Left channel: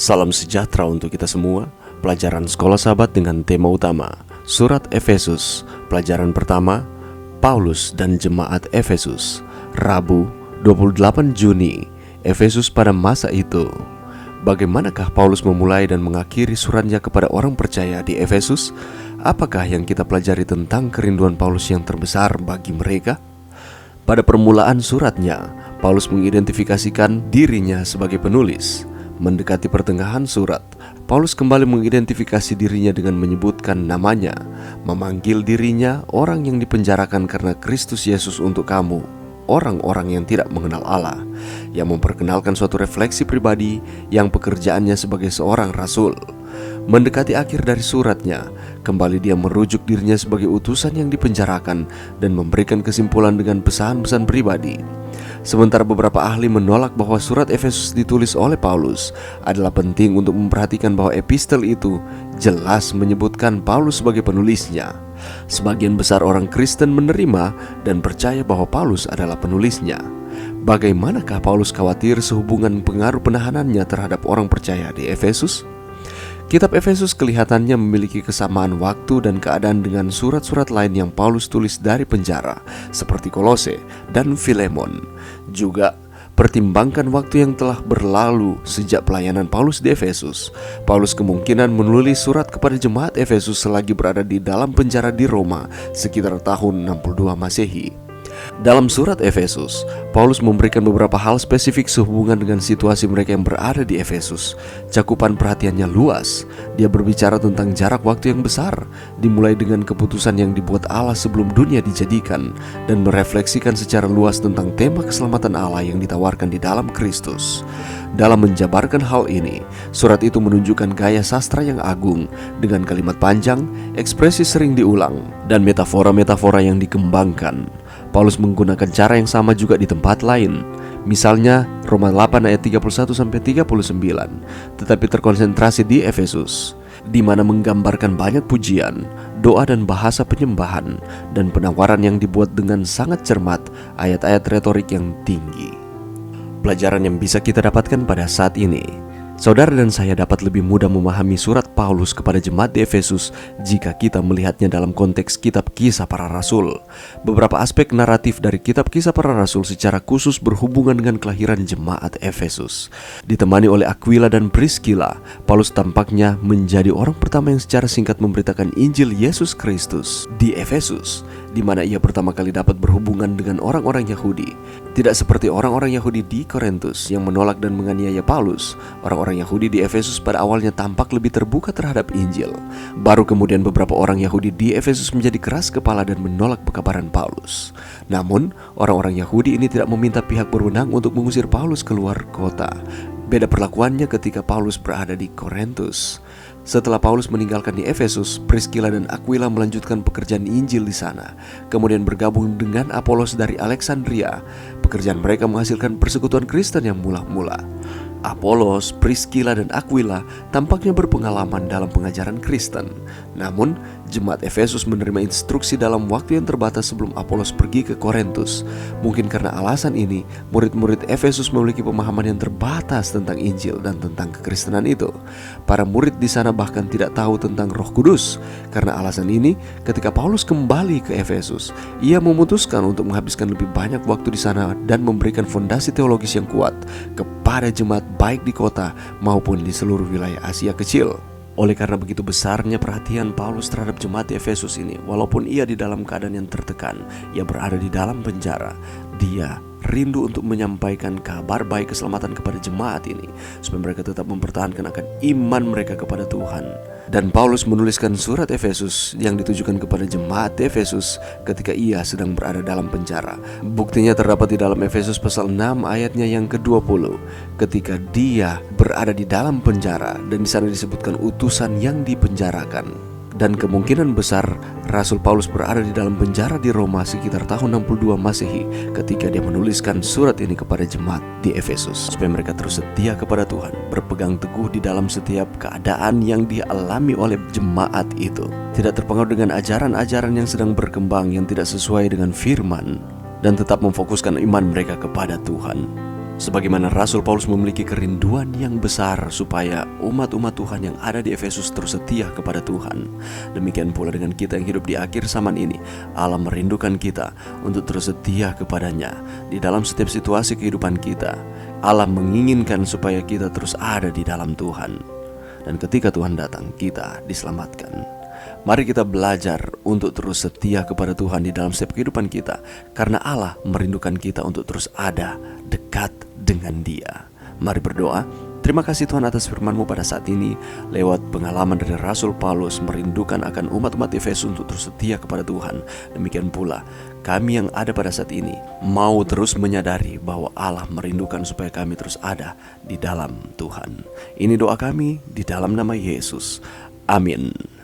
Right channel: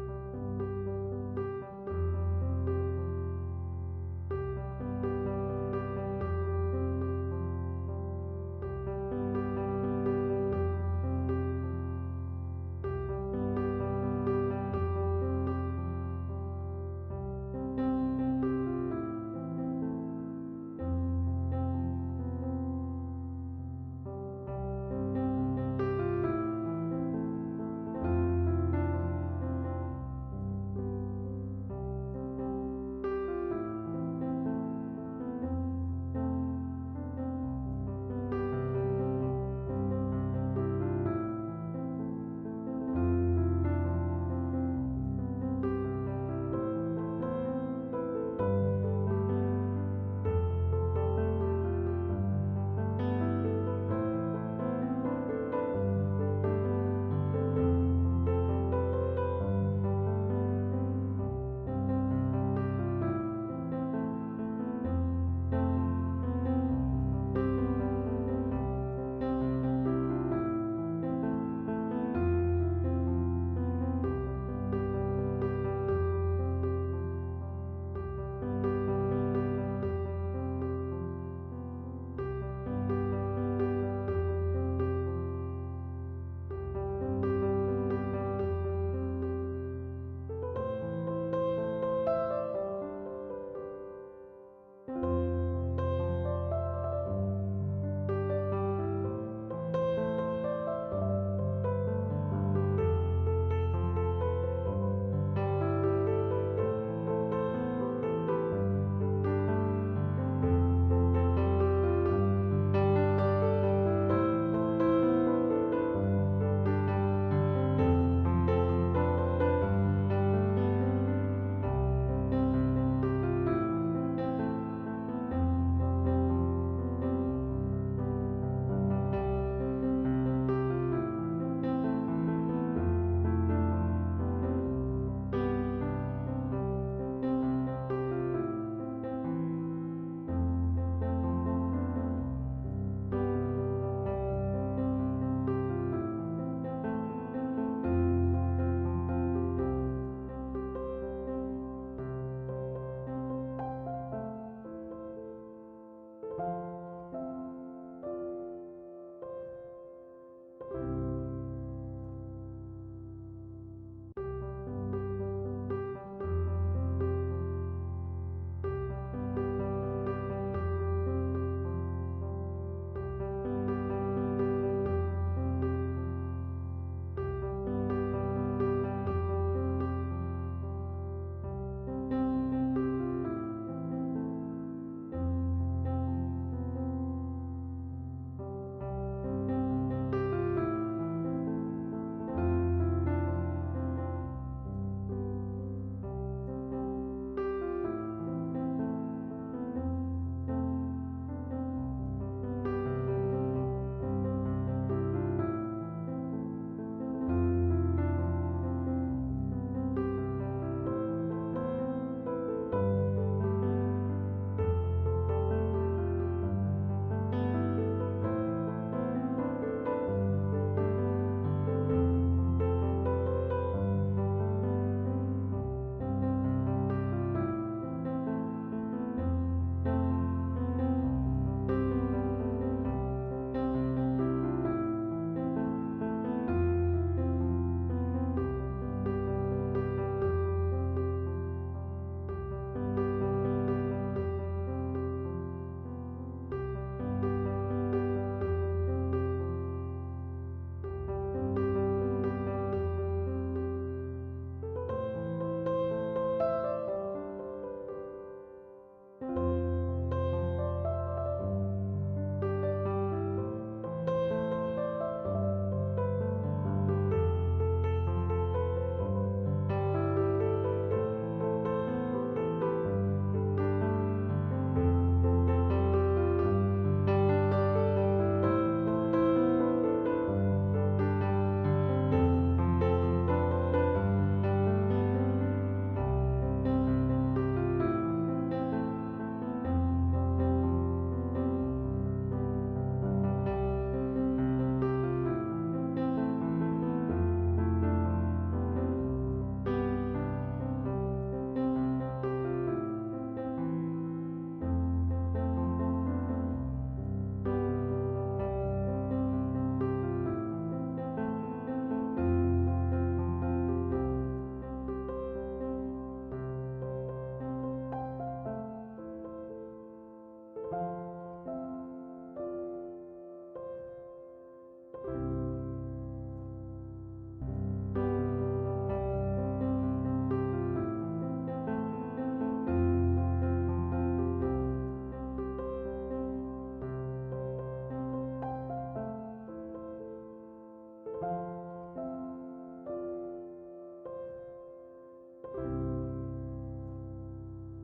Salam sejahtera untuk kita semua. Pelajaran Sekolah Sahabat dengan tema utama Surat Efesus. Pelajaran pertama, Paulus dan Jemaat Efesus. Rabu 28 Juni, Efesus pada masa itu. Bagaimanakah Paulus memulai dan mengakhiri suratnya kepada orang percaya di Efesus? Apakah yang kita pelajari tentang kerinduan Paulus yang terbesar bagi mereka? Pada permulaan suratnya, Paulus mengidentifikasikan dirinya sebagai penulis. Mendekati pertengahan surat, Paulus kembali mengidentifikasi dirinya dengan menyebutkan namanya, memanggil dirinya orang yang dipenjarakan karena Kristus Yesus untuk kamu, orang-orang yang tidak mengenal Allah, yang memperkenalkan suatu refleksi pribadi yang pekerjaannya sebagai seorang rasul. Mendekati akhir dari suratnya, kembali dia merujuk dirinya sebagai utusan yang dipenjarakan dan memberikan kesimpulan dengan pesan-pesan pribadi. Sementara beberapa ahli menolak bahwa surat Efesus ditulis oleh Paulus, adalah penting untuk memperhatikan bahwa epistel itu jelas menyebutkan Paulus sebagai penulisnya. Sebagian besar orang Kristen menerima dan percaya bahwa Paulus adalah penulisnya. Bagaimanakah Paulus khawatir sehubungan pengaruh penahanannya terhadap orang percaya di Efesus? Kitab Efesus kelihatannya memiliki kesamaan waktu dan keadaan dengan surat-surat lain yang Paulus tulis dari penjara, seperti Kolose dan Filemon. Juga, pertimbangkan waktu yang telah berlalu sejak pelayanan Paulus di Efesus. Paulus kemungkinan menulis surat kepada jemaat Efesus selagi berada di dalam penjara di Roma sekitar tahun 62 Masehi. Dalam surat Efesus, Paulus memberikan beberapa hal spesifik sehubungan dengan situasi mereka yang berada di Efesus. Cakupan perhatiannya luas. Dia berbicara tentang jarak waktu yang besar, dimulai dengan keputusan yang dibuat Allah sebelum dunia dijadikan, dan merefleksikan secara luas tentang tema keselamatan Allah yang ditawarkan di dalam Kristus. Dalam menjabarkan hal ini, surat itu menunjukkan gaya sastra yang agung dengan kalimat panjang, ekspresi sering diulang, dan metafora-metafora yang dikembangkan. Paulus menggunakan cara yang sama juga di tempat lain. Misalnya Roma 8 ayat 31-39, tetapi terkonsentrasi di Efesus, di mana menggambarkan banyak pujian, doa dan bahasa penyembahan, dan penawaran yang dibuat dengan sangat cermat, ayat-ayat retorik yang tinggi. Pelajaran yang bisa kita dapatkan pada saat ini, saudara dan saya dapat lebih mudah memahami surat Paulus kepada jemaat di Efesus jika kita melihatnya dalam konteks kitab Kisah Para Rasul. Beberapa aspek naratif dari kitab Kisah Para Rasul secara khusus berhubungan dengan kelahiran jemaat Efesus. Ditemani oleh Aquila dan Priscilla, Paulus tampaknya menjadi orang pertama yang secara singkat memberitakan Injil Yesus Kristus di Efesus, di mana ia pertama kali dapat berhubungan dengan orang-orang Yahudi. Tidak seperti orang-orang Yahudi di Korintus yang menolak dan menganiaya Paulus, orang-orang Yahudi di Efesus pada awalnya tampak lebih terbuka terhadap Injil. Baru kemudian beberapa orang Yahudi di Efesus menjadi keras kepala dan menolak pekabaran Paulus. Namun, orang-orang Yahudi ini tidak meminta pihak berwenang untuk mengusir Paulus keluar kota. Beda perlakuannya ketika Paulus berada di Korintus. Setelah Paulus meninggalkan di Efesus, Priscilla dan Aquila melanjutkan pekerjaan Injil di sana, kemudian bergabung dengan Apolos dari Alexandria. Pekerjaan mereka menghasilkan persekutuan Kristen yang mula-mula. Apolos, Priscilla, dan Aquila tampaknya berpengalaman dalam pengajaran Kristen. Namun, jemaat Efesus menerima instruksi dalam waktu yang terbatas sebelum Apolos pergi ke Korintus. Mungkin karena alasan ini, murid-murid Efesus memiliki pemahaman yang terbatas tentang Injil dan tentang kekristenan itu. Para murid di sana bahkan tidak tahu tentang Roh Kudus. Karena alasan ini, ketika Paulus kembali ke Efesus, ia memutuskan untuk menghabiskan lebih banyak waktu di sana dan memberikan fondasi teologis yang kuat kepada jemaat baik di kota maupun di seluruh wilayah Asia Kecil. Oleh karena begitu besarnya perhatian Paulus terhadap jemaat di Efesus ini, walaupun ia di dalam keadaan yang tertekan, ia berada di dalam penjara, dia rindu untuk menyampaikan kabar baik keselamatan kepada jemaat ini, supaya mereka tetap mempertahankan akan iman mereka kepada Tuhan. Dan Paulus menuliskan surat Efesus yang ditujukan kepada jemaat Efesus ketika ia sedang berada dalam penjara. Buktinya terdapat di dalam Efesus pasal 6 ayatnya yang ke-20, ketika dia berada di dalam penjara, dan di sana disebutkan utusan yang dipenjarakan. Dan kemungkinan besar Rasul Paulus berada di dalam penjara di Roma sekitar tahun 62 Masehi ketika dia menuliskan surat ini kepada jemaat di Efesus, supaya mereka terus setia kepada Tuhan, berpegang teguh di dalam setiap keadaan yang dialami oleh jemaat itu, tidak terpengaruh dengan ajaran-ajaran yang sedang berkembang yang tidak sesuai dengan firman, dan tetap memfokuskan iman mereka kepada Tuhan. Sebagaimana Rasul Paulus memiliki kerinduan yang besar supaya umat-umat Tuhan yang ada di Efesus terus setia kepada Tuhan, demikian pula dengan kita yang hidup di akhir zaman ini. Allah merindukan kita untuk terus setia kepadanya di dalam setiap situasi kehidupan kita. Allah menginginkan supaya kita terus ada di dalam Tuhan, dan ketika Tuhan datang, kita diselamatkan. Mari kita belajar untuk terus setia kepada Tuhan di dalam setiap kehidupan kita, karena Allah merindukan kita untuk terus ada dekat dengan Dia. Mari berdoa. Terima kasih Tuhan atas firman-Mu pada saat ini. Lewat pengalaman dari Rasul Paulus merindukan akan umat-umat Efesus untuk terus setia kepada Tuhan, demikian pula kami yang ada pada saat ini mau terus menyadari bahwa Allah merindukan supaya kami terus ada di dalam Tuhan. Ini doa kami di dalam nama Yesus. Amin.